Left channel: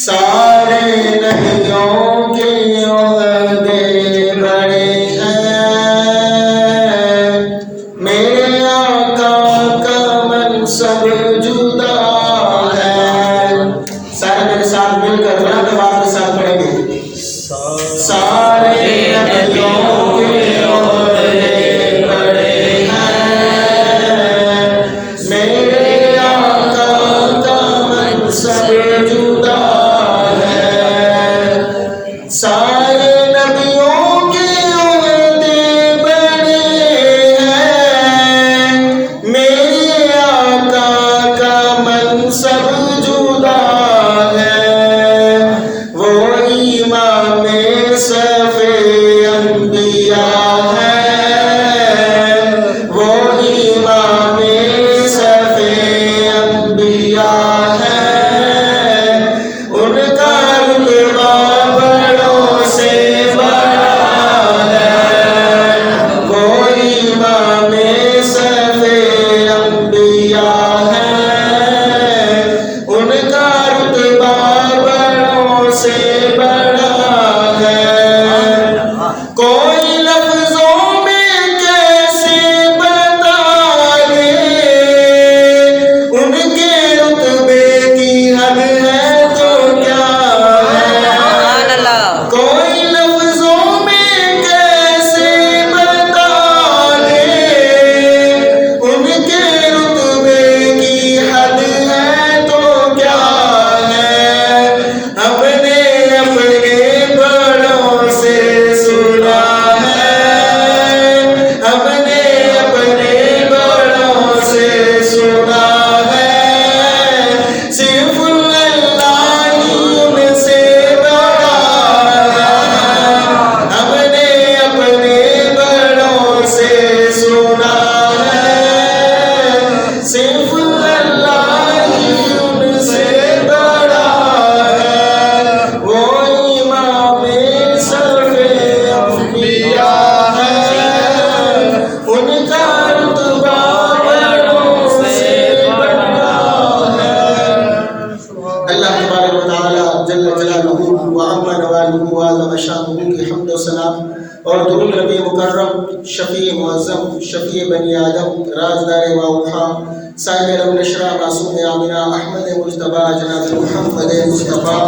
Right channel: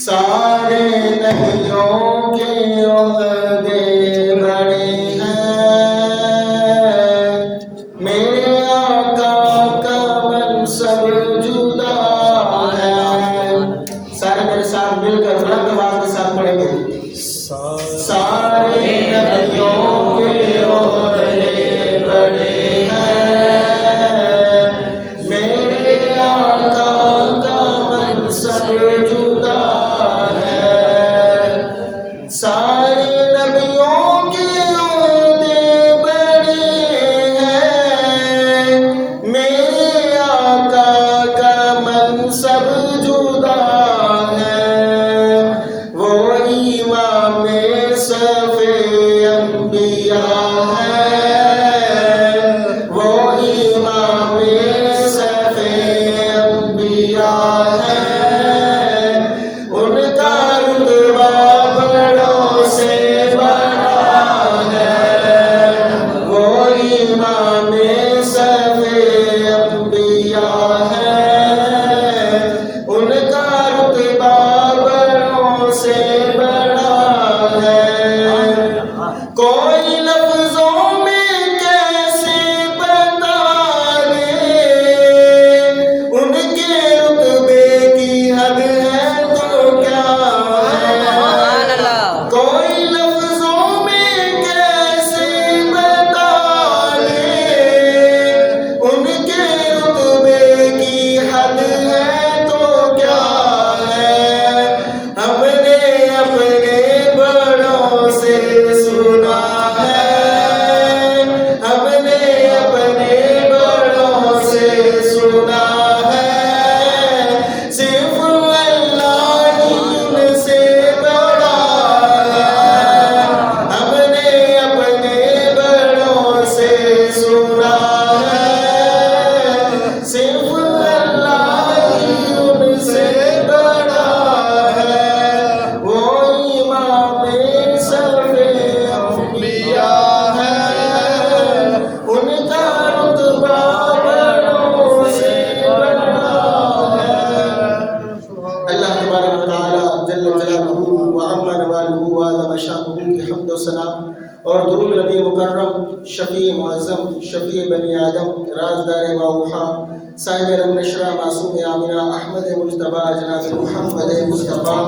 سارے نبیوں کے عہدے بڑے ہیں، میرے آقا کا منصب جدا ہے۔ سارے میرے ساتھ مل کر بلند آواز کے ساتھ پڑھیں گے۔ سارے نبیوں کے عہدے بڑے ہیں، میرے آقا کا منصب جدا ہے۔ سارے نبیوں کے عہدے بڑے ہیں، میرے آقا کا منصب جدا ہے۔ وہ امام صف انبیاء ہے، وہ امام صف انبیاء ہے۔ ان کا رتبہ بڑوں سے بڑا ہے، وہ امام صف انبیاء ہے۔ ان کا رتبہ بڑوں سے بڑا ہے۔ کوئی لفظوں میں کیسے بتا دے، ان کے رتبے کی حد ہے تو کیا ہے۔ کوئی لفظوں میں کیسے بتا دے، ان کے رتبے کی حد ہے تو کیا ہے۔ ہم نے اپنے بڑوں سے سنا ہے، ہم نے اپنے بڑوں سے سنا ہے، صرف اللہ ہی ان سے بڑا ہے۔ ہم نے اپنے بڑوں سے سنا ہے، صرف اللہ ہی ان سے بڑا ہے۔ وہ امام صف انبیاء ہے، ان کا رتبہ بڑوں سے بڑا ہے۔ اللہ تبارک و تعالی جل جلالہ و عما نوالہ و عظم شانہ کی حمد و ثنا اور درود نبی مکرم، شفیع معظم، شفیع بنی آدم، رازدار واوحا، صاحب علم نشرہ، معصوم آمنہ، احمد مجتبیٰ، جناب محمد مصطفیٰ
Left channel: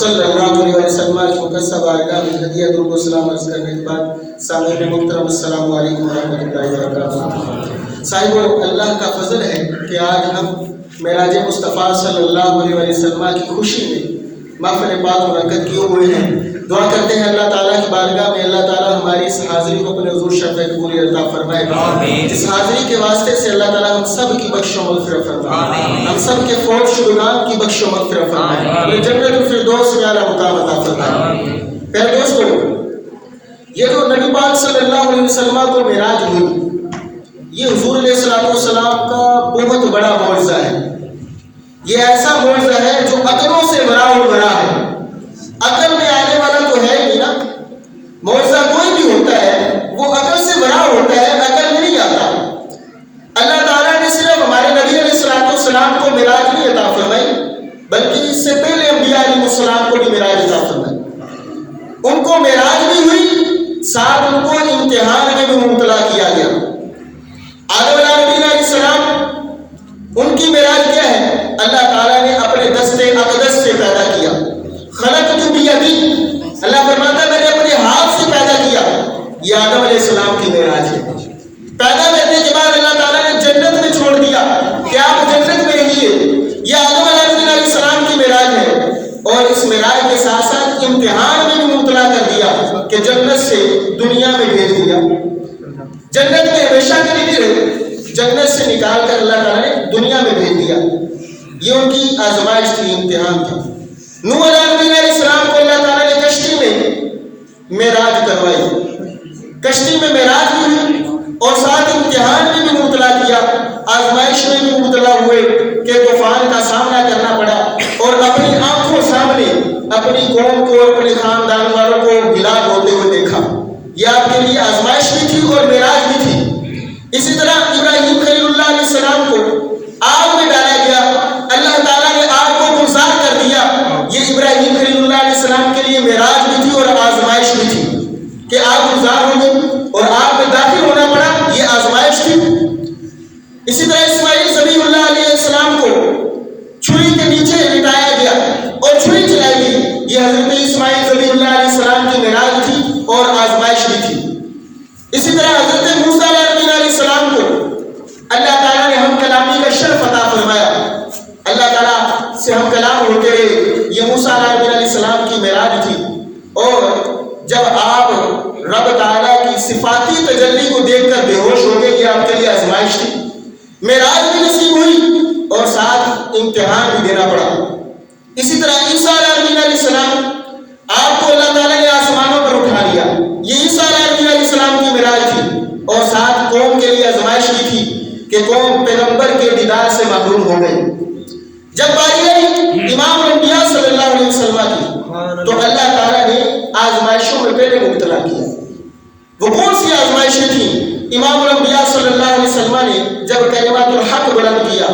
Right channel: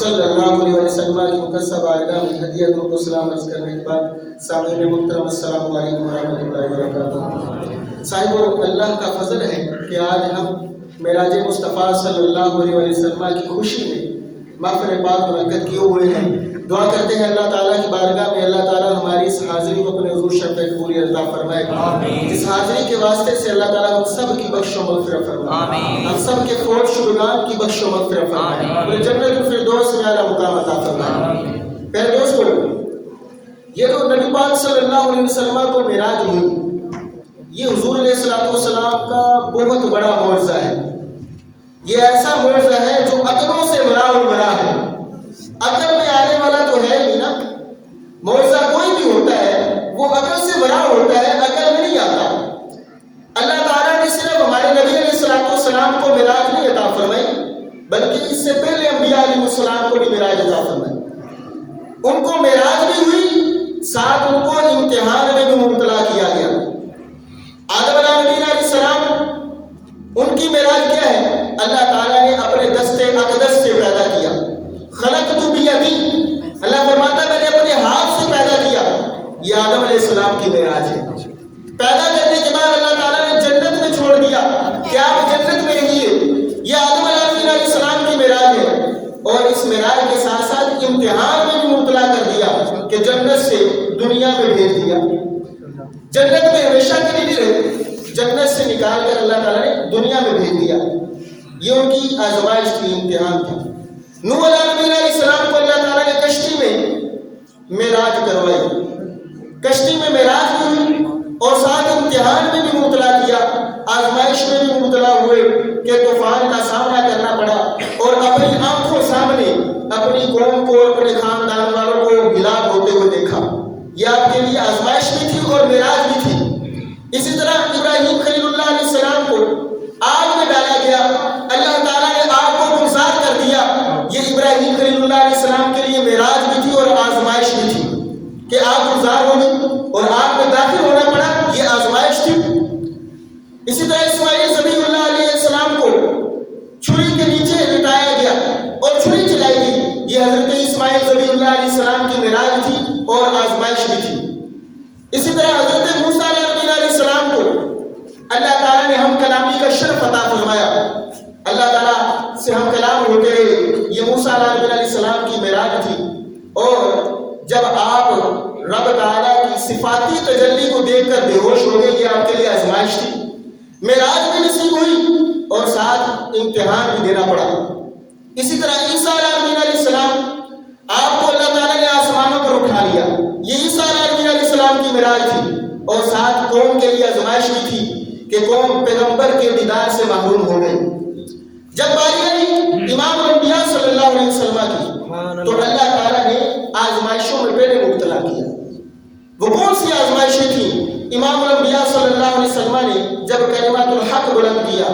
صلی اللہ علیہ وسلم کی مقدسہ بارگاہ میں ہدیہ درود و سلام عرض کرنے کے بعد سامعین محترم السلام علیکم ورحمۃ اللہ وبرکاتہ۔ صاحبو، اللہ کا فضل ہے کہ آج ہم معراج مصطفیٰ صلی اللہ علیہ وسلم کی خوشی میں محفل پاک منعقد کیے ہوئے ہیں۔ دعا کرتے ہیں اللہ تعالیٰ کی بارگاہ میں اللہ تعالیٰ ہماری اس حاضری کو اپنے حضور شفیع پوری عطا فرمائے۔ اس حاضری کے واسطے سے اللہ تعالیٰ ہم سب کی بخش و مغفرت فرمائے، ہم سب کے فوت شدگان کی بخش و مغفرت فرمائے، ہمیں جنت الفردوس میں اعلیٰ مقام عطا فرمائے۔ پیارے دوستو، یہ جو نبی پاک صلی اللہ علیہ وسلم کو معراج ہوئی، یہ حضور علیہ السلام کا بہت بڑا معجزہ ہے۔ یہ ایسا معجزہ ہے جو عقلوں سے بڑا ہے۔ عقل میں آنے والا تو ہے ہی نا، معجزہ کوئی بھی ہوتا ہے وہ عقل سے بڑا ہوتا ہے، عقل میں نہیں آتا۔ اللہ تعالیٰ نے صرف ہمارے نبی علیہ السلام کو معراج نہیں عطا فرمائی، بلکہ اس سے پہلے انبیاء علیہ السلام کو بھی معراج عطا فرمائی۔ ان کو معراج بھی ہوئی، ساتھ ان کو امتحان میں بھی مبتلا کیا گیا۔ آدم علیہ السلام، ان کی معراج کیا ہے؟ اللہ تعالیٰ نے اپنے دست اقدس سے پیدا کیا۔ خلقت بیدی، اللہ فرماتا ہے میں نے اپنے ہاتھ سے پیدا کیا۔ یہ آدم علیہ السلام کی معراج ہے۔ پیدا کرنے کے بعد اللہ تعالیٰ نے جنت میں چھوڑ دیا کہ آپ جنت میں رہیے۔ یہ آدم علیہ السلام کی معراج ہے، اور اس معراج کے ساتھ ساتھ امتحان میں بھی مبتلا کر دیا کہ جنت سے دنیا میں بھیج دیا۔ جنت میں ہمیشہ کے لیے رہے، جنت سے نکال کر اللہ تعالیٰ نے دنیا میں بھیج دیا۔ یہ ان کی آزمائش تھی، امتحان تھا۔ نوح علیہ السلام کو اللہ تعالیٰ نے کشتی میں معراج کروائی، کشتی میں معراج بھی ہوئی اور ساتھ امتحان میں بھی مبتلا مبتلا کیا، آزمائش میں بھی مبتلا ہوئے کہ طوفان کا سامنا کرنا پڑا، اور اپنی آنکھوں سامنے اپنی قوم کو اور اپنے خاندان والوں کو ہلاک ہوتے ہوئے دیکھا۔ یہ آپ کے لیے آزمائش بھی تھی اور معراج بھی تھی۔ اسی طرح ابراہیم خلیل اللہ علیہ السلام کو آگ میں ڈالا گیا، اللہ تعالیٰ نے آگ کو گلزار کر دیا۔ یہ ابراہیم خلیل اللہ علیہ السلام کے لیے معراج بھی تھی اور آزمائش بھی تھی کہ آگ گلزار ہو گئی اور آگ میں داخل ہونا پڑا، یہ آزمائش تھی۔ اسی طرح اسماعیل ذبیح اللہ علیہ السلام کو چھری کے نیچے لٹایا گیا اور چھری چلائی گئی، یہ حضرت اسماعیل ذبیح اللہ علیہ السلام کی معراج تھی اور آزمائش بھی تھی۔ اسی طرح حضرت موسیٰ علیہ السلام کو اللہ تعالیٰ نے ہم کلامی کا شرف عطا فرمایا، اللہ تعالیٰ سے ہم کلام ہوتے رہے، یہ موسیٰ علیہ السلام کی معراج تھی۔ اور جب آپ رب تعالیٰ کی صفاتی تجلی کو دیکھ کر بے ہوش ہو گئے، یہ آپ کے لیے آزمائش تھی، معراج بھی نصیب ہوئی اور ساتھ امتحان بھی دینا پڑا۔ اسی طرح عیسیٰ علیہ السلام آپ کو اللہ تعالیٰ نے آسمانوں پر اٹھا لیا، یہ عیسیٰ علیہ السلام کی معراج تھی، اور ساتھ قوم کے لیے آزمائش بھی تھی کہ قوم پیغمبر کے دیدار سے محروم ہو گئی۔ جب باری آئی امام الانبیاء صلی اللہ علیہ وسلم کی، تو اللہ تعالیٰ نے آزمائشوں میں پہلے مبتلا کیا۔ وہ کون سی آزمائشیں تھیں؟ امام الانبیاء صلی اللہ علیہ وسلم نے جب کلمۃ الحق بلند کیا،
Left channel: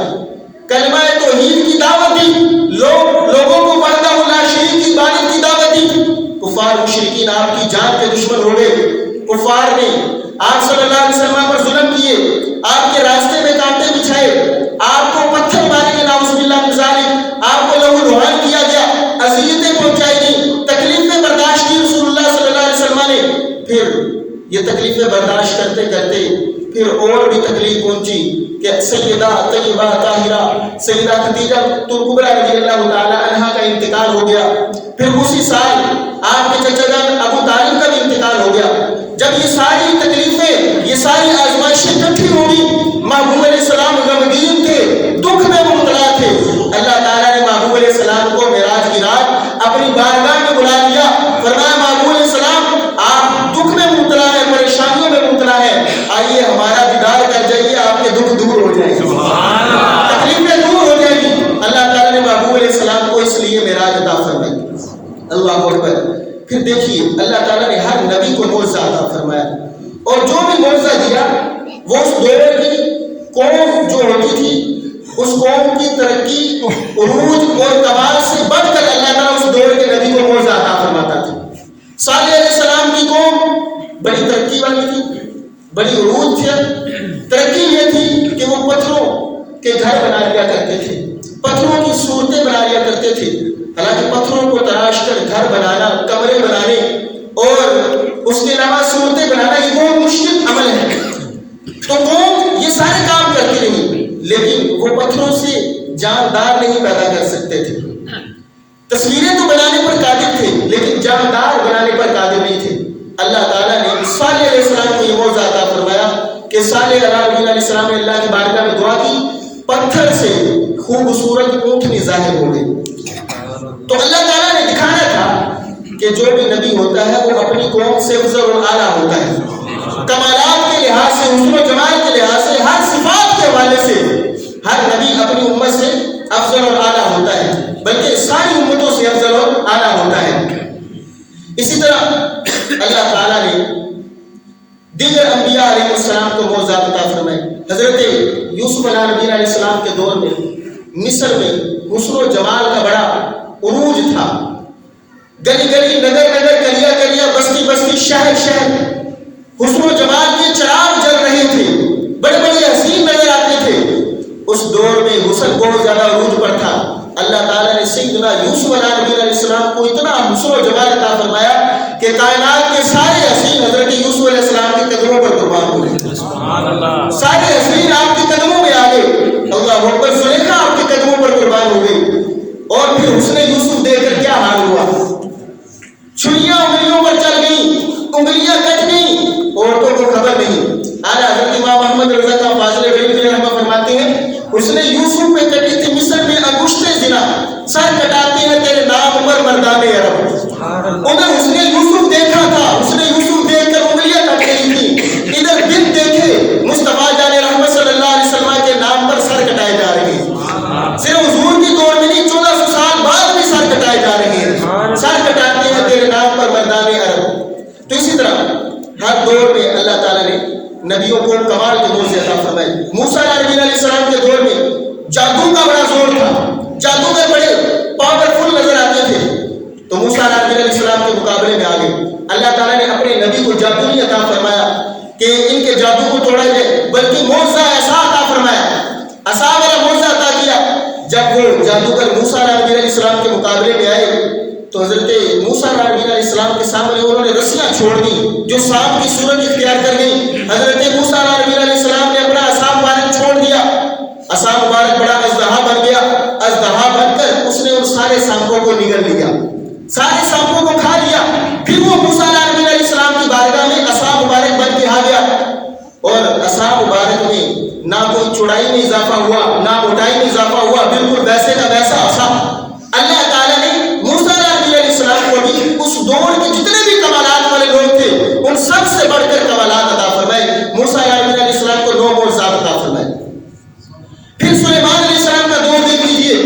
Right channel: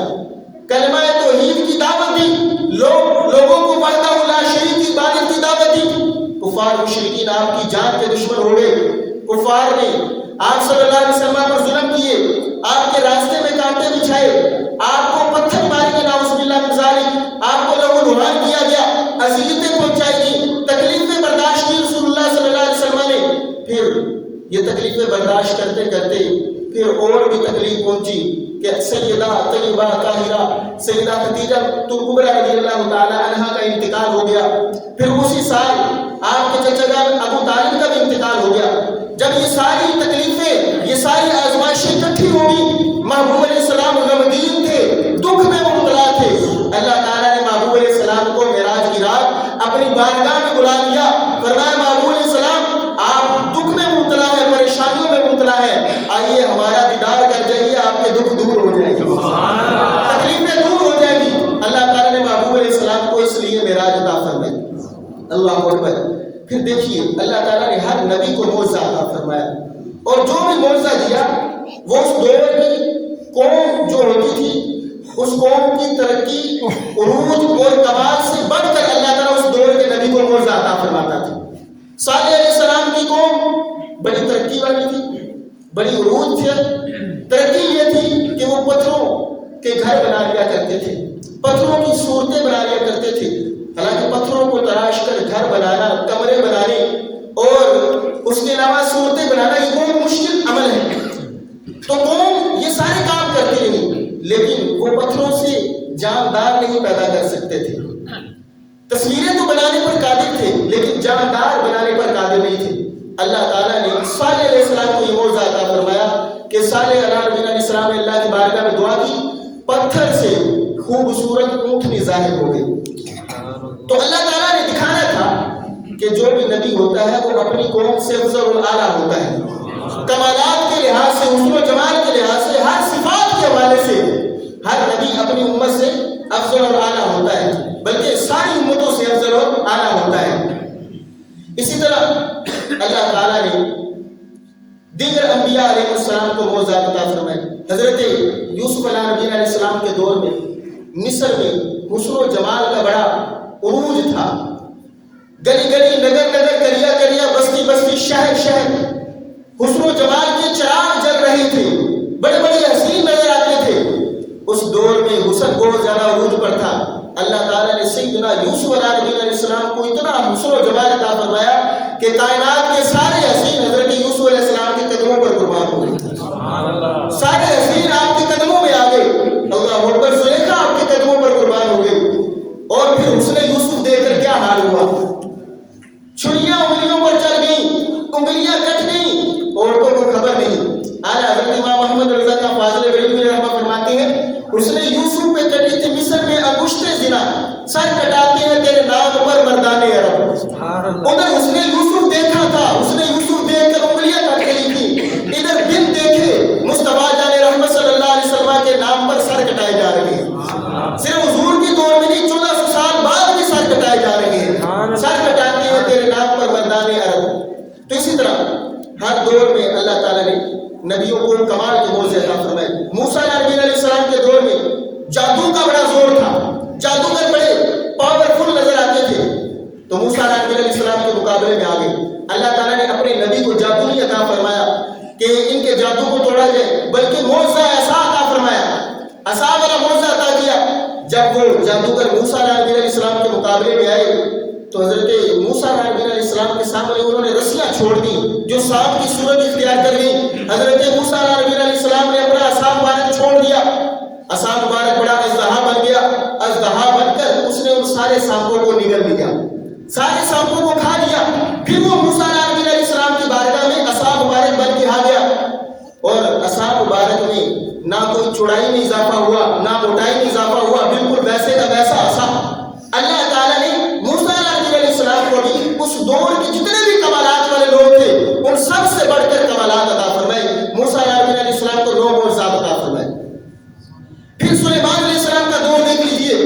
کلمہ توحید کی دعوت دی، لوگوں کو وحدہ لا شریک کی عبادت کی دعوت دی، کفار مشرکین آپ کی جان کے دشمن ہو گئے، کفار نے آپ صلی اللہ علیہ وسلم پر ظلم کیے، آپ کے راستے میں کانٹے بچھائے، آپ کو پتھر مارے گئے، نعوذ باللہ من ذالک، آپ کو لہو لہان کیا گیا، اذیتیں پہنچائی گئیں، تکلیفیں برداشت کی رسول اللہ صلی اللہ علیہ وسلم نے۔ پھر یہ تکلیفیں برداشت کرتے کرتے پھر اور بھی تکلیف پہنچی کہ سیدہ طیبہ طاہرہ سیدہ خدیجہ کبریٰ رضی اللہ تعالی عنہا کا انتقال ہو گیا۔ پھر اسی سال آپ کے چچا ابو طالب کا بھی انتقال ہو گیا۔ جب یہ ساری تکلیفیں، یہ ساری آزمائشیں اکٹھی ہوگی، محبوب علیہ السلام غمگین تھے، دکھ میں مبتلا تھے، اللہ تعالیٰ نے محبوب علیہ السلام کو معراج کی رات اپنی بارگاہ میں بلا لیا، فرمایا محبوب علیہ السلام آپ دکھ میں مبتلا ہیں، پریشانیوں میں مبتلا ہیں، آئیے ہمارا دیدار کر جائیے، آپ کے دکھ دور ہو جائیں گے، تکلیفیں دور ہو جائیں گی۔ اللہ تعالیٰ نے محبوب علیہ السلام کو اس لیے معراج عطا فرمائی۔ اللہ اکبر۔ پھر دیکھیے اللہ تعالیٰ نے ہر نبی کو معجزہ عطا فرمایا، اور جو بھی معجزہ دیا وہ اس دور کی قوم جو ہوتی تھی، اس قوم کی ترقی، عروج اور کمال سے بڑھ کر اللہ تعالیٰ اس دور کے نبی کو معجزہ عطا فرماتا تھا۔ صالح علیہ السلام کی قوم بڑی ترقی والی تھی، بڑی عروج تھی۔ ترقی یہ تھی کہ وہ پتھروں کے گھر بنا لیا کرتے تھے، پتھروں کی صورتیں بنا لیا کرتے تھے۔ حالانکہ پتھروں کو تراش کر گھر بنانا، کمرے بنانے اور اس کے علاوہ صورتیں بنانا یہ بہت مشکل عمل ہے، تو قوم یہ سارے کام کرتی رہی، لیکن وہ پتھروں سے جاندار نہیں پیدا کر سکتے تھے۔ تصویریں تو بنانے پر قادر تھے لیکن جاندار بنانے پر قادر نہیں تھے۔ اللہ تعالیٰ نے صالح علیہ السلام کو یہ معجزہ عطا فرمایا کہ صالح علیہ السلام نے اللہ کی بارگاہ میں دعا کی، پتھر سے خوبصورت اونٹنی ظاہر ہو گئی۔ تو اللہ تعالیٰ نے دکھایا تھا کہ جو بھی نبی ہوتا ہے وہ اپنی قوم سے افضل و اعلیٰ ہوتا ہے، کمالات کے لحاظ سے، حسن و جمال کے لحاظ سے، ہر صفات کے حوالے سے ہر نبی اپنی امت سے افضل اور اعلیٰ ہوتا ہے، بلکہ ساری امتوں سے افضل اور اعلیٰ ہوتا ہے۔ اسی طرح اللہ تعالیٰ نے دیگر انبیاء علیہ السلام کو معجزہ عطا فرمائے۔ حضرت یوسف علیہ السلام کے دور میں مصر میں حسن و جمال کا بڑا عروج تھا، گلی گلی، نگر نگر، گلیا گلیا، بستی بستی، شہر شہر حسن و جمال کے چراغ جل رہے تھے، بڑے بڑے حسین نظر آتے تھے۔ اس دور میں حسن بہت زیادہ عروج پر تھا۔ اللہ تعالیٰ نے سیدنا یوسف علیہ السلام کو اتنا حسن و جمال عطا فرمایا کہ کائنات کے سارے حسین حضرت یوسف علیہ السلام کے قدموں پر قربان ہو گئے، سارے حسین آپ کے قدموں میں آ گئے، اللہ اکبر، زلیخا آپ کے قدموں پر قربان ہو گئی۔ اور پھر حسن یوسف دیکھ کر کیا حال ہوا، چھریاں انگلیوں پر چل گئیں، انگلیاں کٹ گئیں، عورتوں کو خبر نہیں۔ آج حضرت امام محمد رضا کا فاضل بن رحمہ فرماتے ہیں اس نے یوسف پہ کٹی تھی مصر میں انگشتیں زنا، سر کٹاتے ہیں تیرے نام پر مردان عرب۔ ادھر اس نے یوسف دیکھا تھا، اس نے یوسف دیکھ کر انگلیاں کٹ گئی تھی، ادھر گن دیکھے مصطفیٰ جان رحمت صلی اللہ مقابلے میں آئے تو حضرت موسیٰ علیہ السلام کے سامنے انہوں نے رسیاں چھوڑ دی جو سانپ کی صورت اختیار کر گئی. حضرت موسیٰ علیہ السلام نے اپنا عصا مبارک چھوڑ دیا. عصا مبارک بڑا اژدہا بن گیا. اژدہا بن کر اس نے ان سارے سانپوں کو نگل لیا, سارے سانپوں کو کھا لیا. پھر وہ موسیٰ علیہ السلام کی بارگاہ میں عصا مبارک بن کے آ گیا اور عصا مبارک میں نہ کوئی چوڑائی میں اضافہ ہوا نہ موٹائی میں اضافہ ہوا, بالکل ویسے کا ویسا عصا. اللہ تعالیٰ نے موسیٰ علیہ السلام کو بھی اس دور کے جتنے بھی کمالات والے لوگ تھے ان سب سے بڑھ کر کمالات عطا فرمائے. موسیٰ علیہ السلام کو 9 معجزات عطا فرمائے. پھر سلیمان علیہ السلام کا دور دیکھ لیجیے.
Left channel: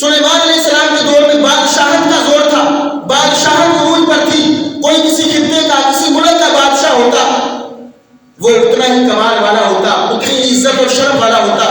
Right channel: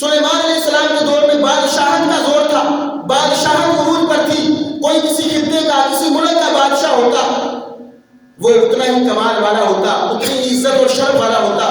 سلیمان علیہ السلام کے دور میں بادشاہت کا زور تھا, بادشاہت عروج پر تھی. کوئی کسی خطے کا کسی ملک کا بادشاہ ہوتا وہ اتنا ہی کمال والا ہوتا, اتنی عزت اور شرف والا ہوتا.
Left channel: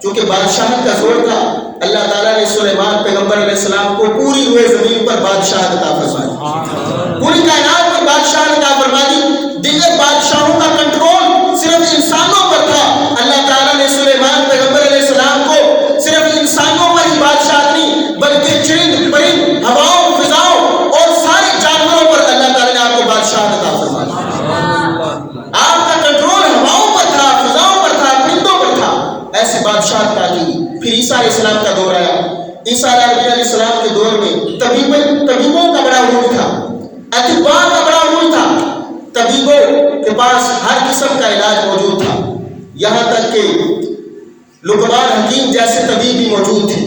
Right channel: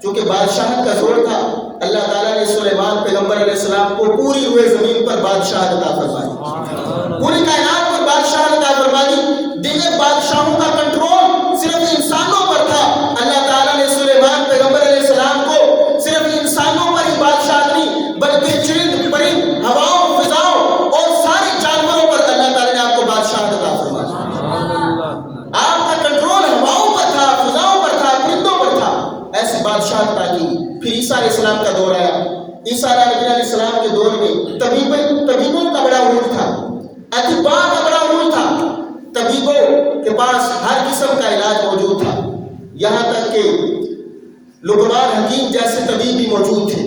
کیونکہ بادشاہت کا زور تھا, اللہ تعالیٰ نے سلیمان پیغمبر علیہ السلام کو پوری روئے زمین پر بادشاہت عطا فرمائی, پوری کائنات پر بادشاہت عطا فرمائی. دیگر بادشاہوں کا کنٹرول صرف انسانوں پر تھا. اللہ تعالیٰ نے سلیمان پیغمبر علیہ السلام کو صرف انسانوں پر ہی بادشاہت نہیں بلکہ چرند پرند ہواؤں فضاؤں اور سارے جانوروں پر اللہ تعالیٰ نے آپ کو بادشاہت عطا فرمائی. آپ کا کنٹرول ہواؤں پر تھا, فضاؤں پر تھا, پرندوں پر تھا. ایسے بادشاہت عطا کی. پھر عیسیٰ علیہ السلام کا دور آیا. عیسیٰ علیہ السلام کے دور میں طبیبوں کا بڑا عروج تھا, اطباء کا بڑا عروج تھا. طبیبوں کے پاس ہر قسم کا علاج موجود تھا, یہاں تک کہ لقمان حکیم جیسے طبیب بھی موجود تھے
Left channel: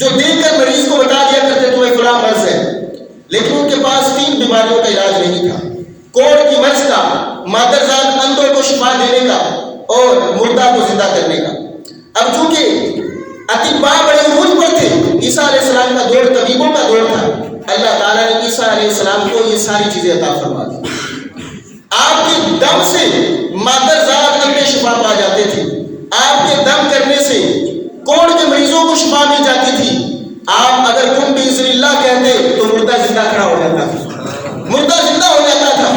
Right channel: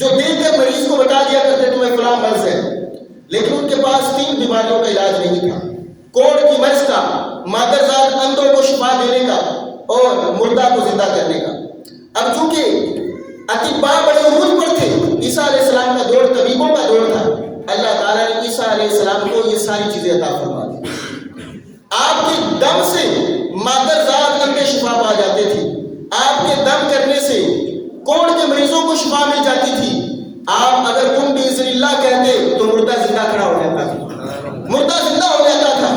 جو دیکھ کر مریض کو بتا دیا کرتے تمہیں فلاں مرض ہے. لیکن ان کے پاس 3 بیماریوں کا علاج نہیں تھا, کوڑ کی مرض کا, مادرزاد اندھوں کو شفا دینے کا اور مردہ کو زندہ کرنے کا. اب چونکہ اطباء بڑے عروج پر تھے, عیسیٰ علیہ السلام کا دور طبیبوں کا دور تھا, اللہ تعالیٰ نے عیسیٰ علیہ السلام کو یہ ساری چیزیں عطا فرما دی. آپ کے دم سے مادرزاد اندھے شفا پا جاتے تھے, آپ کے دم کرنے سے کوڑ کے مریضوں کو شفا مل جاتی تھی. آپ اگر کن باذن اللہ کہتے تو مردہ زندہ کھڑا ہو جاتا تھا, مردہ زندہ ہو جاتا تھا.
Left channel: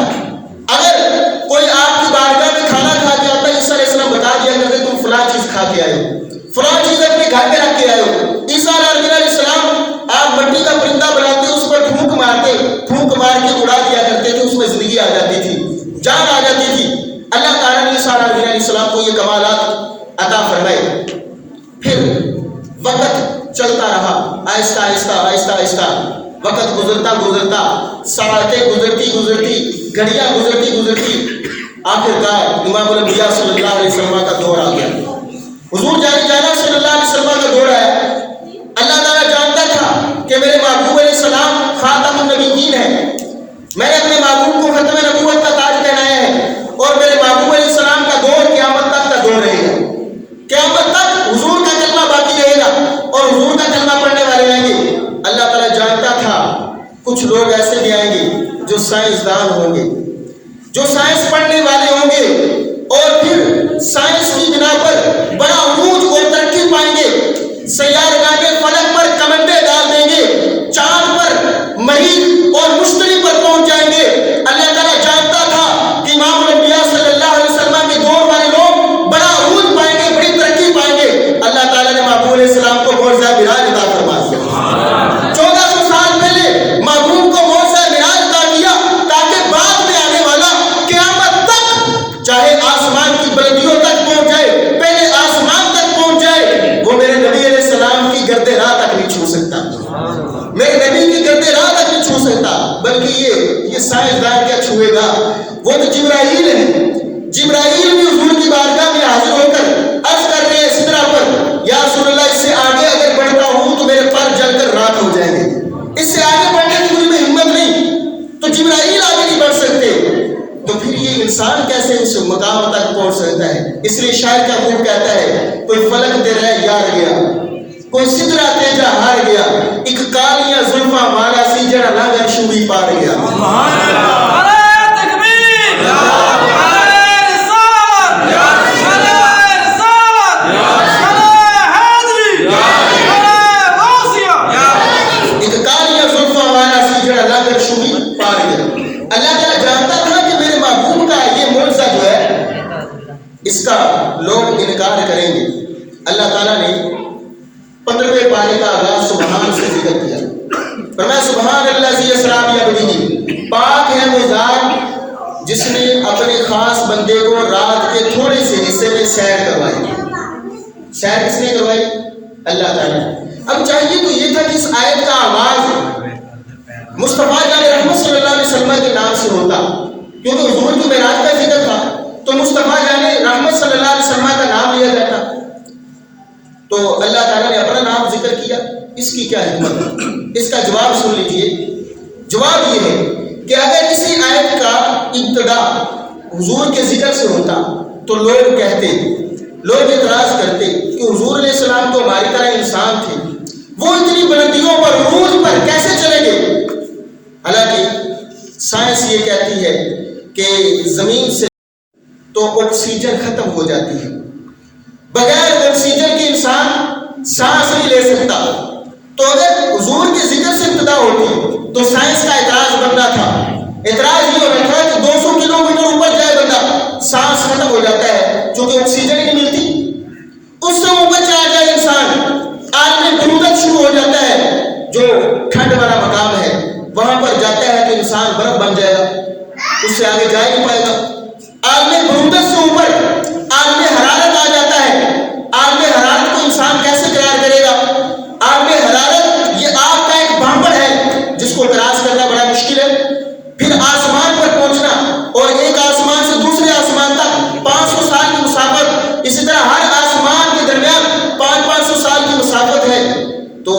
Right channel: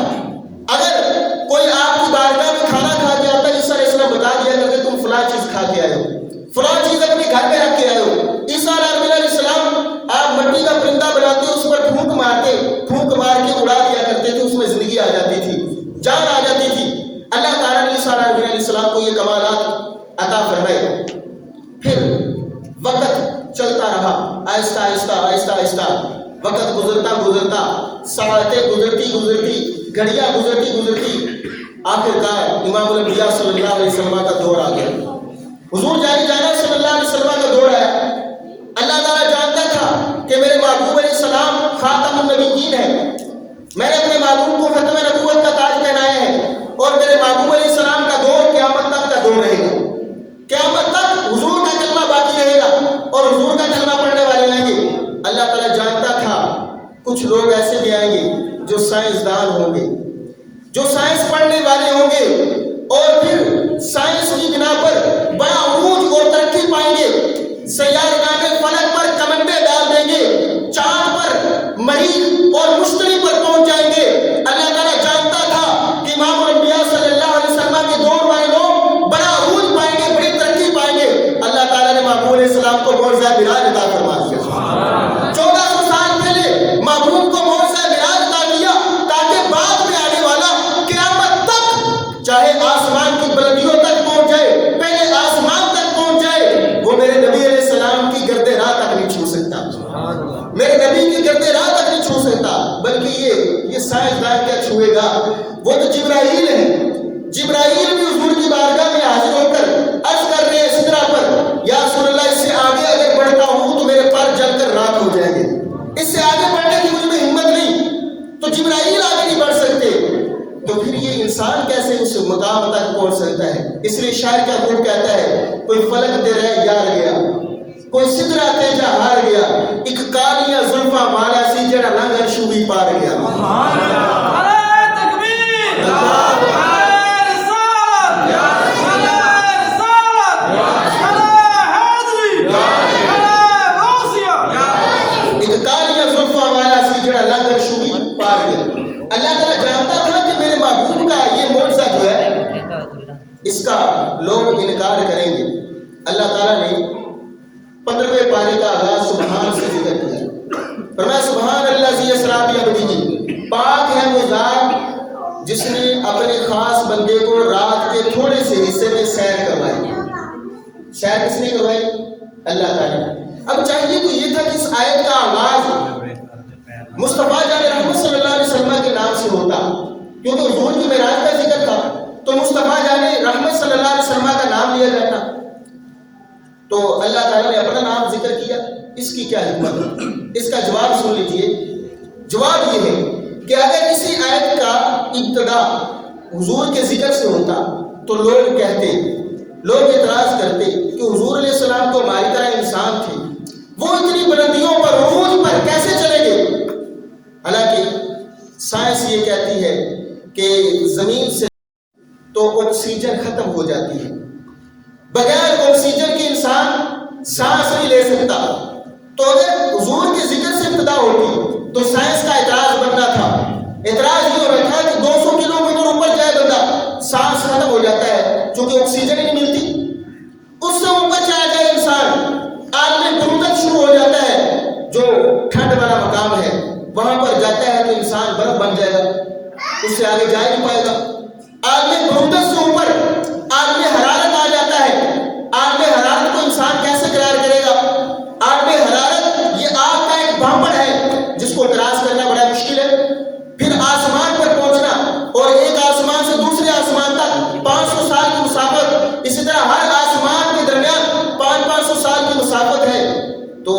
اگر کوئی آپ کی بارگاہ میں کھانا کھا کے آتا, عیسیٰ علیہ السلام بتا دیا کرتے تم فلاں چیز کھا کے آئے ہو, فلاں چیز اپنے گھر میں رکھ کے آئے ہو. عیسیٰ علیہ السلام آپ مٹی کا پرندہ بناتے, اس پر پھونک مارتے, پھونک مار کے اڑا دیا کرتے تھے, اس میں زندگی آ جاتی تھی, جان آ جاتی تھی. اللہ تعالیٰ نے عیسیٰ علیہ السلام کو یہ کمالات عطا فرمائے. پھر وقت چلتا رہا, آہستہ آہستہ آہستہ آہستہ وقت گزرتا گزرتا, ساعتیں گزرتی گھڑیاں گزرتی, آخرکار امام الانبیاء صلی اللہ علیہ وسلم کا دور آ گیا. حضور جانا صلی اللہ علیہ وسلم کا دور آیا. اللہ تعالیٰ جانتا تھا کہ میرے محبوب علیہ السلام خاتم النبیین ہے, میں نے اپنے محبوب کو ختم نبوت کا تاج پہنایا ہے اور میرے محبوب علیہ السلام کا دور قیامت تک کا دور رہے گا. قیامت تک حضور کا کلمہ باقی رہے گا اور حضور کا کلمہ پڑھنے والے آئیں گے. اللہ تعالیٰ جانتا تھا کچھ لوگ ایسے بھی آئیں گے جو سائنسدان ہوں گے, جو سائنس پڑھنے والے ہوں گے اور پھر سائنس کی بنا پر بڑا عروج اور ترقی پائیں گے. سیارگاہ فلک پر کمندے ڈال دیں گے, چاند پر مریخ اور مشتری پر پہنچ جائیں گے. اللہ تعالیٰ جانتا تھا کہ امام الانبیاء صلی اللہ علیہ وسلم کے دور والے لوگ بڑا عروج پائیں گے, بڑی ترقی پائیں گے. اللہ تعالیٰ نے محبوب علیہ السلام کو معجزہ معراج عطا فرما دیا. 1400 سال پہلے محبوب کو معجزہ معراج عطا کیا تاکہ بعد میں آنے والا قیامت تک چاہے آسمان کی بلندیوں تک پہنچ جائے, پہلے آسمان تک پہنچ جائے, وہ میرے نبی علیہ السلام کی گرد راہ تک نہیں چھو سکتا, میرے نبی کی گرد راہ تک نہیں چھو سکتا. بلکہ یہ سائنسدان کیا چھوئے گا, وہ تو جبرائیل ہے. جبرائیل بھی حضور کی بارگاہ میں حاضر ہو کر عرض کر رہے ہیں سدرہ پر, یا رسول اللہ اس سے آگے اگر بڑھتا ہوں تو میرے پر جل کر راکھ ہو جائیں گے, اس سے آگے بڑھنے کی مجھ میں ہمت نہیں. تو جبرائیل آگے نہیں بڑھ سکتے, تو پھر یہ انسان کیسے اس مقام تک پہنچ سکتا ہے. اس لیے شاعر کا خوب کہتا ہے, کوئی فلک دے رہے یار گیا, کوئی سدرہ تیجا ہار گیا, ایک کالیاں زلفاں والا سی جڑا ناگر شوی پار گیا. اس کا لوگ انکار کریں گے. اللہ تعالیٰ نے 15ویں پارے کا آغاز سبحان سے ذکر کیا. اللہ تعالیٰ. اب چاہیے تو یہ تھا کہ اس آیت کا آغاز مصطفیٰ جان رحمت صلی اللہ علیہ وسلم کے نام سے ہوتا، کیونکہ حضور کی معراج کا ذکر تھا تو مصطفیٰ جان رحمت صلی اللہ علیہ وسلم کا نام لیا جاتا. تو اللہ تعالیٰ نے اپنا نام ذکر کیا، اس کی کیا حکمت؟ اس کا جواب سن لیجئے. جواب یہ ہے کہ اگر اسی آیت کا ابتدا حضور کے ذکر سے ہوتا تو لوگ کہتے، لوگ اعتراض کرتے کہ حضور علیہ السلام تو ہماری طرح انسان تھے، وہ اتنی بلندیوں پر عروج پر کیسے چلیں گے؟ حالانکہ سائنس یہ کہتی ہے کہ زمین سے تو آکسیجن ختم ہو جاتی ہے، بغیر آکسیجن کے انسان سانس نہیں لے سکتا. تو اگر حضور کے ذکر سے ابتدا ہوتی تو سائنس کا اعتراض بننا تھا. اعتراض یہ ہو رہا تھا کہ 200 کلومیٹر اوپر جائے بندہ سانس ختم ہو جاتا ہے چونکہ آکسیجن ہی نہیں ملتی. اس سے اوپر چلا جائے انسان، عالم برودت شروع ہو جاتا ہے، جو ٹھنڈ والا مقام ہے وہاں پر جاتا ہے تو انسان برف بن جائے گا، اس سے آگے جا نہیں پائے گا. عالم برودت سے اوپر عالم حرارت آ جاتا ہے. عالم حرارت کو انسان کیسے قرار کرے گا؟ عالم حرارت یہ آگ کا ایک بھانپڑ ہے جس کو کراس کرنا بڑا مشکل ہے. پھر آسمان پر پہنچنا اور ایک آسمان سے دوسرے آسمان تک 500 سال کی مسافت، اسی طرح ہر آسمان کے درمیان 500 سال کی مسافت ہے. تو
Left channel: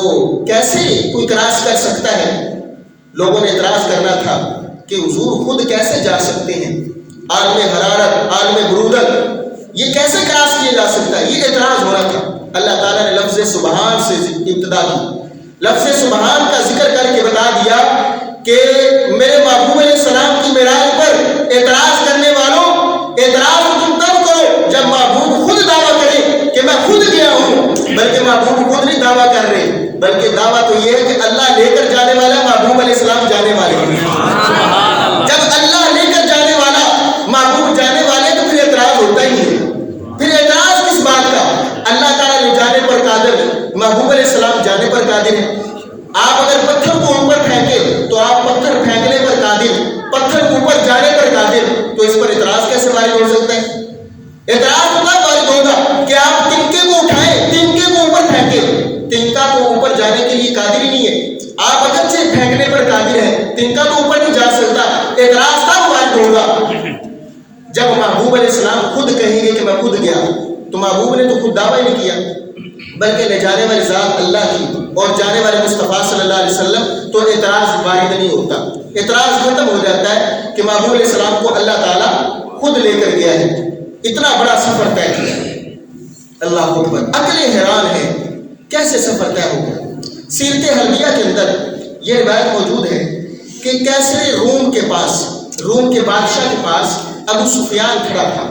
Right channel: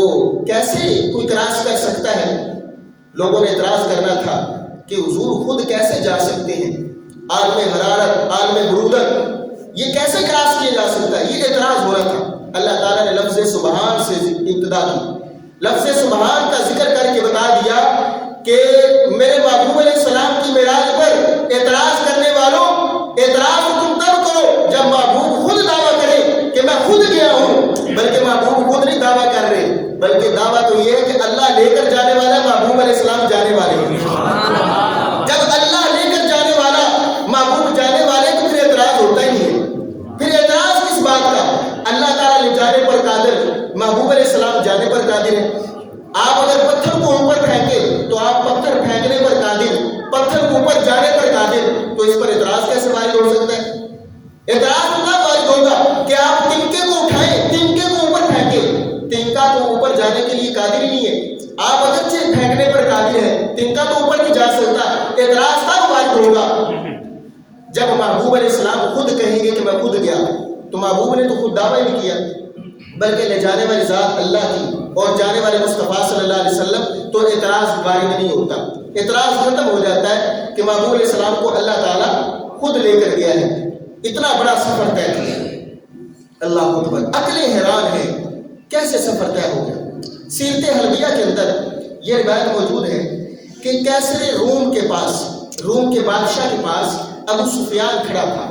کیسے کوئی کراس کر سکتا ہے؟ لوگوں نے اعتراض کرنا تھا کہ حضور خود کیسے جا سکتے ہیں؟ عالم حرارت، عالم برودت، یہ کیسے کراس کیا جا سکتا ہے؟ یہ اعتراض ہو رہا تھا. اللہ تعالیٰ نے لفظ سبحان سے ابتدا کی. لفظ سبحان کا ذکر کر کے بتا دیا کہ میرے محبوب علیہ السلام کی معراج پر اعتراض کرنے والوں، اعتراض تم تب کرو جب محبوب خود دعویٰ کرے کہ میں خود گیا ہوں. بلکہ محبوب خود نہیں دعویٰ کر رہے، بلکہ دعویٰ تو یہ ہے کہ اللہ لے کر جانے والا، محبوب علیہ السلام جانے والے ہیں. جب اللہ لے کر جانے والا، محبوب جانے والے، تو پھر اعتراض ہوتا ہی ہے. پھر اعتراض کس بات کا؟ اللہ تعالیٰ لے جانے پر قادر، محبوب علیہ السلام جانے پر قادر ہے. آپ اگر پتھر کو اوپر پھینکے تو آپ پتھر پھینکنے پر قادر، پتھر کو اوپر جانے پر قادر، تو اس پر اعتراض کیسے وارد ہو سکتا ہے؟ اعتراض ہوگا، وارد ہوگا کہ آپ تنکے کو اٹھائیں، تنکے کو اوپر پھینکیں، تنکا کو اوپر جانے کے لیے قادر ہی نہیں ہے. آپ اگرچہ پھینکنے پر قادر ہیں، تنکا کو اوپر نہیں جا سکتا. اعتراض تب وارد ہوگا جب محبوب علیہ السلام خود کہیں گے کہ میں خود گیا. تو محبوب نے تو خود دعویٰ نہیں کیا، بلکہ لے جانے والی ذات اللہ کی اور جانے والے مصطفیٰ صلی اللہ علیہ وسلم. تو اعتراض وارد نہیں ہوتا. اعتراض ختم ہو جاتا ہے کہ محبوب علیہ السلام کو اللہ تعالیٰ خود لے کر گیا ہے. اتنا بڑا سفر طے کیا. اللہ اکبر. عقلیں حیران ہے کیسے سفر طے ہو گیا. سیرت حلبیہ کے اندر یہ روایت موجود ہے کہ کیسر روم کے پاس، روم کے بادشاہ کے پاس ابو سفیان کھڑا تھا.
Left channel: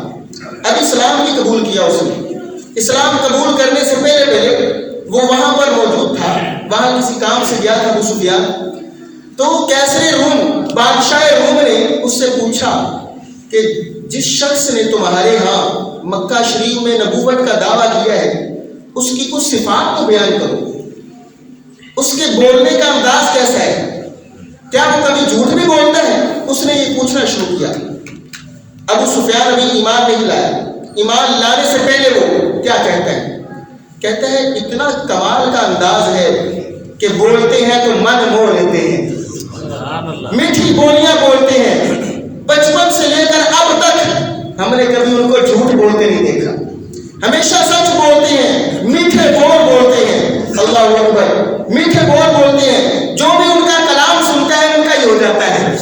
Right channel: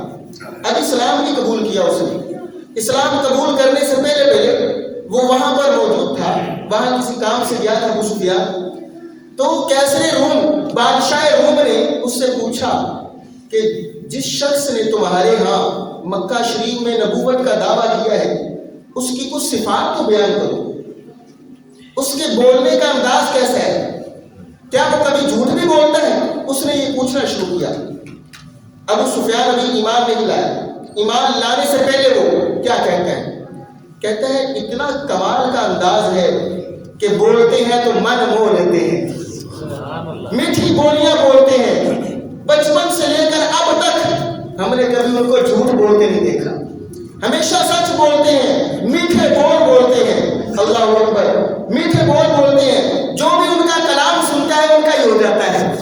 اب اسلام بھی قبول کیا اس نے. اسلام قبول کرنے سے پہلے وہ وہاں پر موجود تھا، وہاں کسی کام سے گیا تھا ابو سفیان. تو کیسر روم، بادشاہ روم نے اس سے پوچھا کہ جس شخص نے تمہارے ہاں مکہ شریف میں نبوت کا دعویٰ کیا ہے اس کی کچھ صفات تو بیان کرو، اس کے بولنے کا انداز کیسا ہے، کیا وہ کبھی جھوٹ بھی بولتا ہے؟ اس نے یہ پوچھنا شروع کیا. ابو سفیان ابھی ایمان نہیں لایا. ایمان لانے سے پہلے وہ کیا کہتا ہے؟ کہتا ہے اتنا کمال کا انداز ہے کہ بولتے ہیں تو من موہ لیتے ہیں، میٹھی بولیاں بولتے ہیں. بچپن سے لے کر اب تک ہم نے کبھی ان کو جھوٹ بولتے نہیں دیکھا، ہمیشہ سچ بولتے ہیں، میٹھے بول بولتے ہیں. اللہ اکبر. میٹھے بول بولتے ہیں، جو بھی ان کا کلام سنتا ہے ان کا ہی ہو جاتا ہے.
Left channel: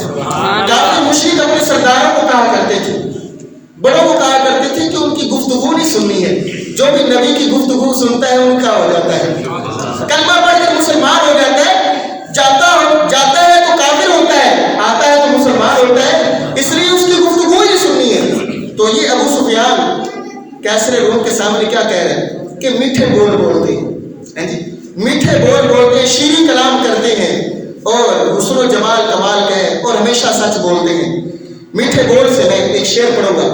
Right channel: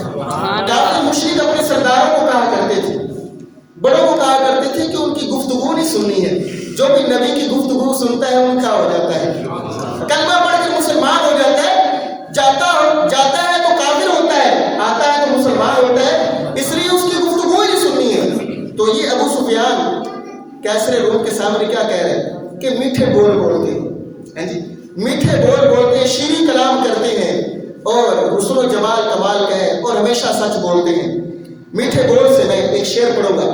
کافی مشرک اپنے سرداروں کو کہا کرتے تھے، بڑوں کو کہا کرتے تھے کہ ان کی گفتگو نہیں سننی ہے، جو بھی نبی کی گفتگو سنتا ہے ان کا ہو جاتا ہے. کلمہ پڑھ کر مسلمان ہو جاتا ہے، جاتا ہے تو کافر ہوتا ہے، آتا ہے تو مسلمان ہوتا ہے، اس لیے اس کی گفتگو ہی سننی ہے. تو یہ ابو سفیان کیسر روم کے سامنے کیا کہہ رہے ہیں کہ میٹھے بول بولتے ہیں، جی میٹھے بول بولتے ہیں، شیریں کلام کرتے ہیں اور حسن و جمال کمال کا ہے اور ہمیشہ سچ بولتے ہیں. میٹھے بول سے میں ایک شعر پڑھوں گا.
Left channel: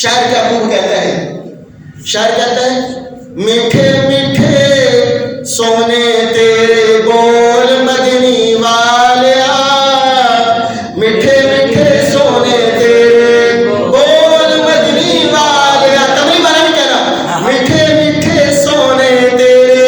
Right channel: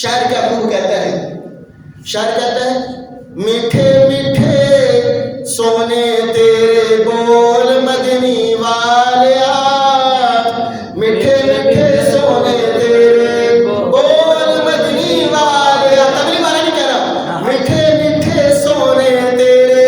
شاعر کیا خوب کہتا ہے، شاعر کہتا ہے میٹھے میٹھے سونے تیرے بول مدنی والیا، میٹھے میٹھے سونے تیرے بول مدنی والیا. تبھی مانا نہیں کہنا، میٹھے میٹھے سونے تیرے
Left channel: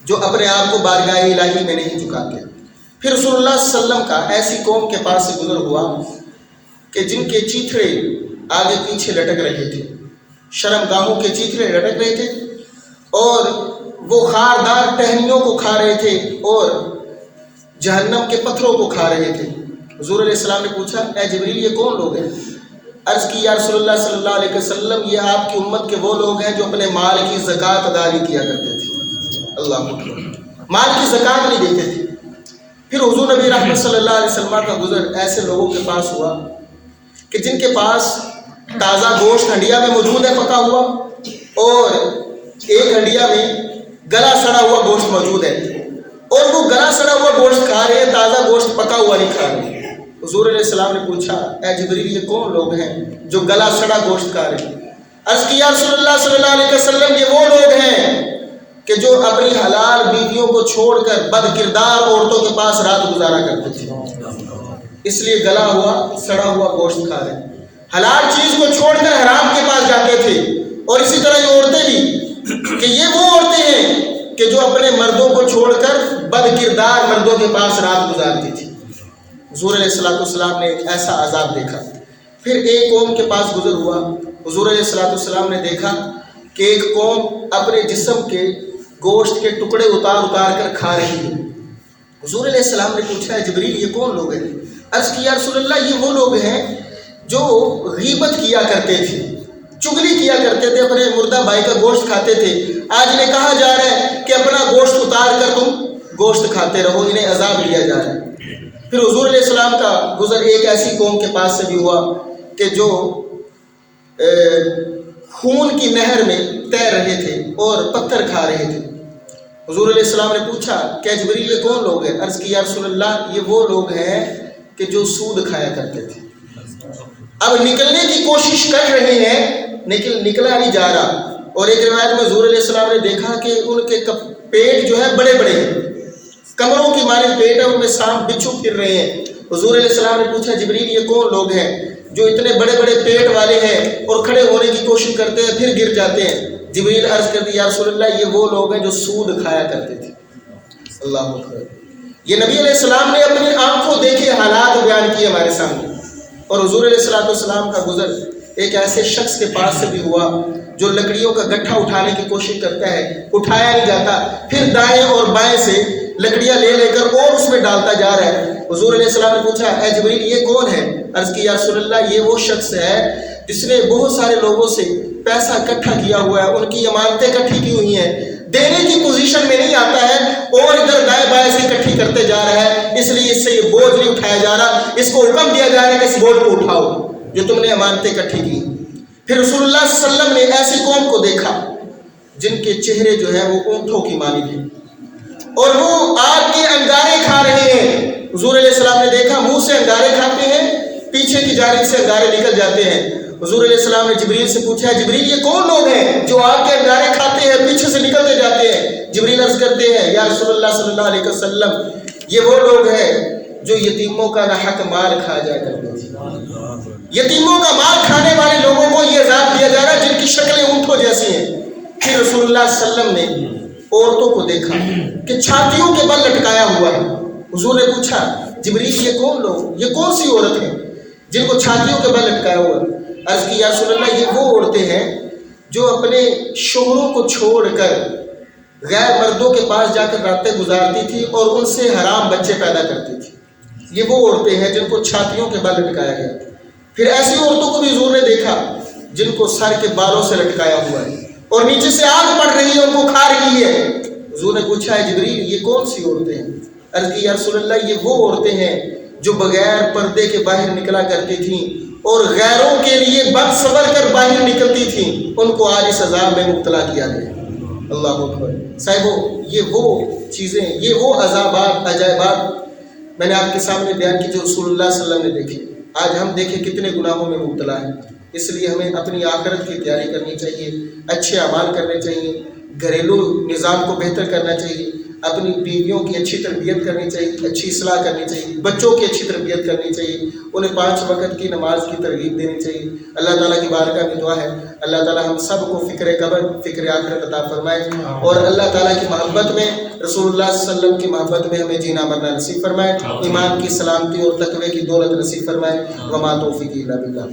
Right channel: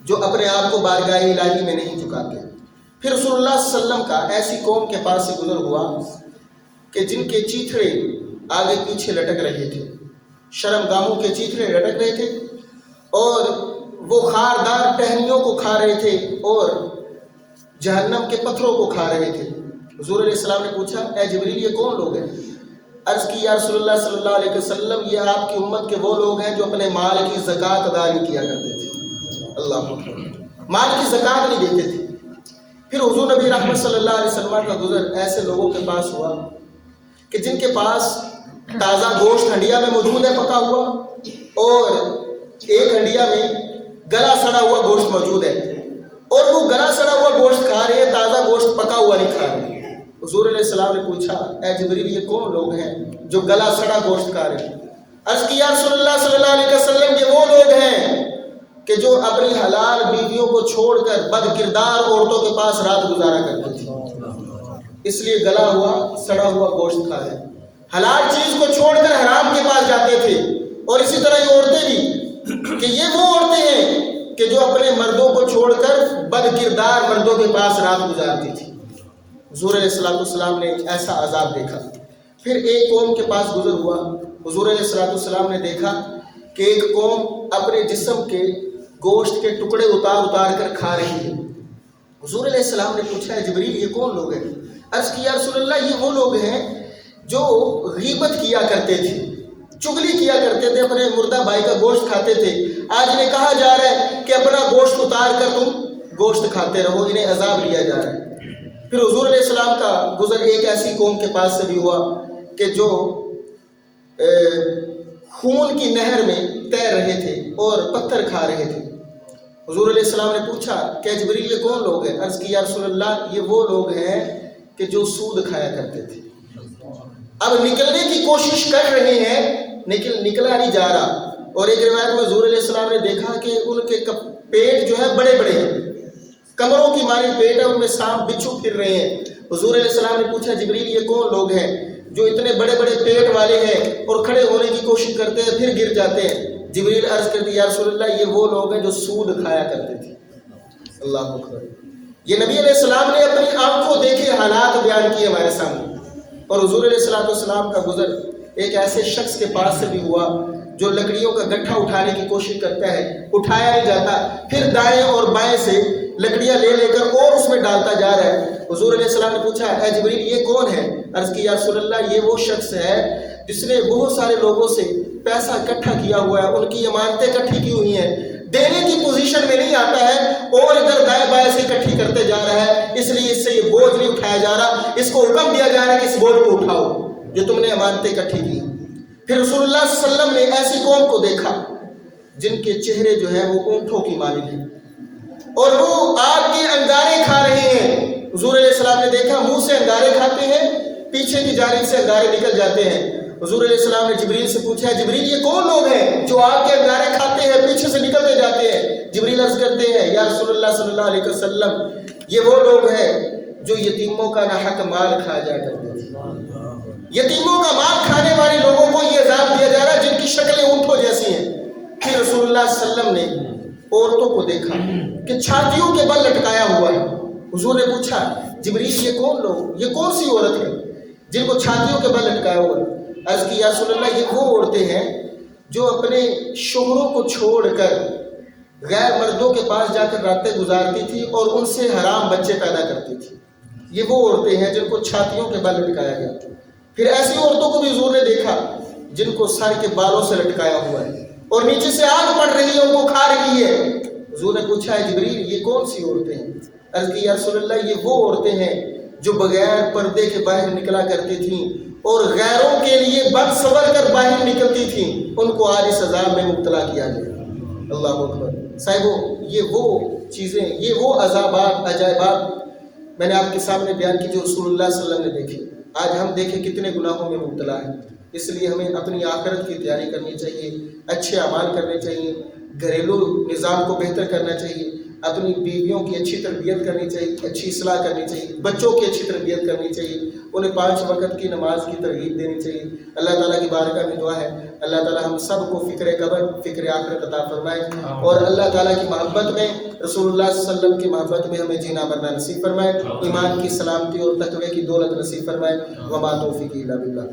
جو اپنے آپ کو بارگاہ الہی میں نہیں جھکاتے۔ پھر رسول اللہ صلی اللہ علیہ وسلم کا ایسی قوم کے پاس سے گزر ہوا کہ جن کے چیتھڑے آگے پیچھے لٹک رہے تھے، شرم گاہوں کے چیتھڑے لٹک رہے تھے، اور وہ خاردار ٹہنیوں کو کھا رہے تھے اور جہنم کے پتھروں کو کھا رہے تھے۔ حضور علیہ السلام نے پوچھا اے جبریل یہ کون لوگ ہیں؟ عرض کی یا رسول اللہ صلی اللہ علیہ وسلم یہ آپ کی امت کے وہ لوگ ہیں جو اپنے مال کی زکوٰۃ ادا نہیں کیا کرتے تھے۔ اللہ اکبر، مال کی زکوٰۃ نہیں دیتے تھے۔ پھر حضور نبی رحمت صلی اللہ علیہ وسلم کا گزر ایسے لوگوں کے پاس ہوا کہ جن کے پاس تازہ گوشت ہنڈیا میں موجود ہے پکا ہوا، اور ایک ہنڈیا میں گلا سڑا ہوا گوشت موجود ہے، اور وہ گلا سڑا ہوا گوشت کھا رہے ہیں، تازہ گوشت پکا ہوا نہیں کھا رہے۔ حضور علیہ السلام نے پوچھا اے جبریل یہ کون لوگ ہیں جو گلا سڑا گوشت کھا رہے ہیں؟ عرض کیا رسول اللہ صلی اللہ علیہ وسلم یہ وہ لوگ ہیں کہ جو اپنی حلال بیویوں کو چھوڑ کر بد کردار عورتوں کے پاس رات گزارا کرتے تھے، اس لیے گلا ہوا سڑا ہوا گوشت کھا رہے ہیں۔ حلال چیز کو چھوڑ کر حرام کے پاس جاتے تھے، اور اسی طرح یہ عورتیں بھی کہ یہ وہ عورتیں ہیں کہ جو اپنے مردوں کو چھوڑ کر بد کردار مردوں کے پاس رات گزارتی تھی۔ حضور علیہ السلام نے ایسا عذاب دیکھا۔ پھر ایک قوم کے پاس گزر ہوا، حضور علیہ السلام نے دیکھا کہ ایک قوم اپنے جسم کے گوشت کے ٹکڑے اتار اتار کر کھا رہی ہے۔ حضور علیہ السلام نے پوچھا ہے جبریل یہ کون لوگ ہیں؟ عرض کیا رسول اللہ یہ وہ لوگ ہیں جو غیبت کیا کرتے تھے، چغلی کیا کرتے تھے، اپنے مردہ بھائی کا گوشت کھاتے تھے۔ آج انہیں کہا جا رہا ہے کہ اپنا گوشت اتار کر تم گوشت کھاتے رہو، انہیں عذاب لیا جا رہا ہے۔ پھر حضور علیہ السلام کا گزر ایک ایسی قوم کے پاس سے بھی ہوا کہ جو خون کی نہر میں تیر رہے تھے اور پتھر کھا رہے تھے۔ حضور علیہ السلام نے پوچھا کہ جبریل یہ کون لوگ ہیں؟ عرض کی یا رسول اللہ یہ وہ لوگ ہیں کہ جو سود کھایا کرتے تھے، اب نکلنے کی کوشش کر رہے ہیں نکلا نہیں جا رہا۔ اور ایک روایت میں حضور علیہ السلام نے دیکھا کہ ان کے پیٹ جو ہے بڑے بڑے ہیں، کمروں کی مانند پیٹ ہے، ان میں سانپ بچھو پھر رہے ہیں۔ حضور علیہ السلام نے پوچھا جبریل یہ کون لوگ ہیں جو اتنے بڑے بڑے پیٹ والے ہیں اور کھڑے ہونے کی کوشش کرتے ہیں پھر گر جاتے ہیں؟ جبریل عرض کرتی یا رسول اللہ یہ وہ لوگ ہیں جو سود کھایا کرتے تھے۔ اللہ اکبر، یہ نبی علیہ السلام نے اپنی آنکھوں دیکھے حالات بیان کیے ہمارے سامنے۔ اور حضور علیہ السلام کا گزر ایک ایسے شخص کے پاس سے بھی ہوا جو لکڑیوں کا گٹھا اٹھانے کی کوشش کرتا ہے، اٹھایا نہیں جاتا، پھر دائیں اور بائیں سے لکڑیاں لے لے کر اور اس میں ڈالتا جا رہا ہے۔ حضور علیہ السلام نے پوچھا اے جبریل یہ کون ہے؟ عرض کی یا رسول اللہ یہ وہ شخص ہے جس نے بہت سارے لوگوں سے پیسہ اکٹھا کیا ہوا ہے، ان کی امانتیں اکٹھی کی ہوئی ہیں، دینے کی پوزیشن میں نہیں آتا ہے اور ادھر دائیں بائیں سے اکٹھی کرتے جا رہا ہے، اس لیے اس سے یہ بوجھ نہیں اٹھایا جا رہا، اس کو حکم دیا جا رہا ہے کہ اس بوجھ کو اٹھاؤ جو تم نے امانتیں اکٹھی کی۔ پھر رسول اللہ صلی اللہ علیہ وسلم نے ایسی قوم کو دیکھا جن کے چہرے جو ہے وہ اونٹوں کی مانند ہیں اور وہ آگ کے انگارے کھا رہے ہیں۔ حضور علیہ السلام نے دیکھا منہ سے انگارے کھاتے ہیں، پیچھے کی جانب سے انگارے نکل جاتے ہیں۔ حضور علیہ السلام نے جبریل سے پوچھا جبریل یہ کون لوگ ہیں جو آگ کے انگارے کھاتے ہیں پیچھے سے نکلتے جاتے ہیں؟ جبریل عرض کرتے ہیں یا رسول اللہ صلی اللہ علیہ وسلم یہ وہ لوگ ہیں جو یتیموں کا ناحق مال کھا جایا کرتے تھے۔ یتیموں کا مال کھانے والے لوگوں کو یہ عذاب دیا جا رہا ہے جن کی شکلیں اونٹوں جیسی ہیں۔ پھر رسول اللہ صلی اللہ علیہ وسلم نے عورتوں کو دیکھا کہ چھاتیوں کے بل لٹکایا ہوا ہے۔ حضور نے پوچھا جبریل یہ کون لوگ، یہ کون سی عورت ہے جن کو چھاتیوں کے بل لٹکایا ہوا ہے؟ عرض کی یا رسول اللہ یہ وہ عورتیں ہیں جو اپنے شوہروں کو چھوڑ کر غیر مردوں کے پاس جا کر راتیں گزارتی تھی اور ان سے حرام بچے پیدا کرتی تھی۔ یہ وہ عورتیں ہیں جن کو چھاتیوں کے بل لٹکایا گیا۔ پھر ایسی عورتوں کو بھی حضور نے دیکھا جن کو سر کے بالوں سے لٹکایا ہوا ہے اور نیچے سے آگ پڑ رہی ہے، ان کو کھا رہی ہے۔ حضور نے پوچھا ہے جبریل یہ کون سی عورتیں ہیں؟ عرض کی یا رسول اللہ یہ وہ عورتیں ہیں جو بغیر پردے کے باہر نکلا کرتی تھیں اور غیروں کے لیے بد سور کر باہر نکلتی تھیں، ان کو آج اس عذاب میں مبتلا کیا گیا۔ اللہ اکبر صاحبو، یہ وہ چیزیں، یہ وہ عذابات، عجائبات میں نے آپ کے سامنے بیان کی جو رسول اللہ صلی اللہ علیہ وسلم نے دیکھے۔ آج ہم دیکھیں کتنے گناہوں میں مبتلا ہیں، اس لیے ہمیں اپنی آخرت کی تیاری کرنی چاہیے، اچھے اعمال کرنے چاہیے، گھریلو نظام کو بہتر کرنا چاہیے، اپنی بیویوں کی اچھی تربیت کرنی چاہیے، اچھی اصلاح کرنی چاہیے، بچوں کی اچھی تربیت کرنی چاہیے، انہیں 5 وقت کی نماز کی ترغیب دینی چاہیے۔ اللہ تعالیٰ کی بارگاہ میں دعا ہے اللہ تعالیٰ ہم سب کو فکر قبر، فکر آخرت عطا فرمائے، اور اللہ تعالیٰ کی محبت میں، رسول اللہ صلی اللہ علیہ وسلم کی محبت میں ہمیں جینا مرنا نصیب فرمائے، ایمان کی سلامتی اور تقوی کی دولت نصیب فرمائے۔ وما توفیقی الا باللہ۔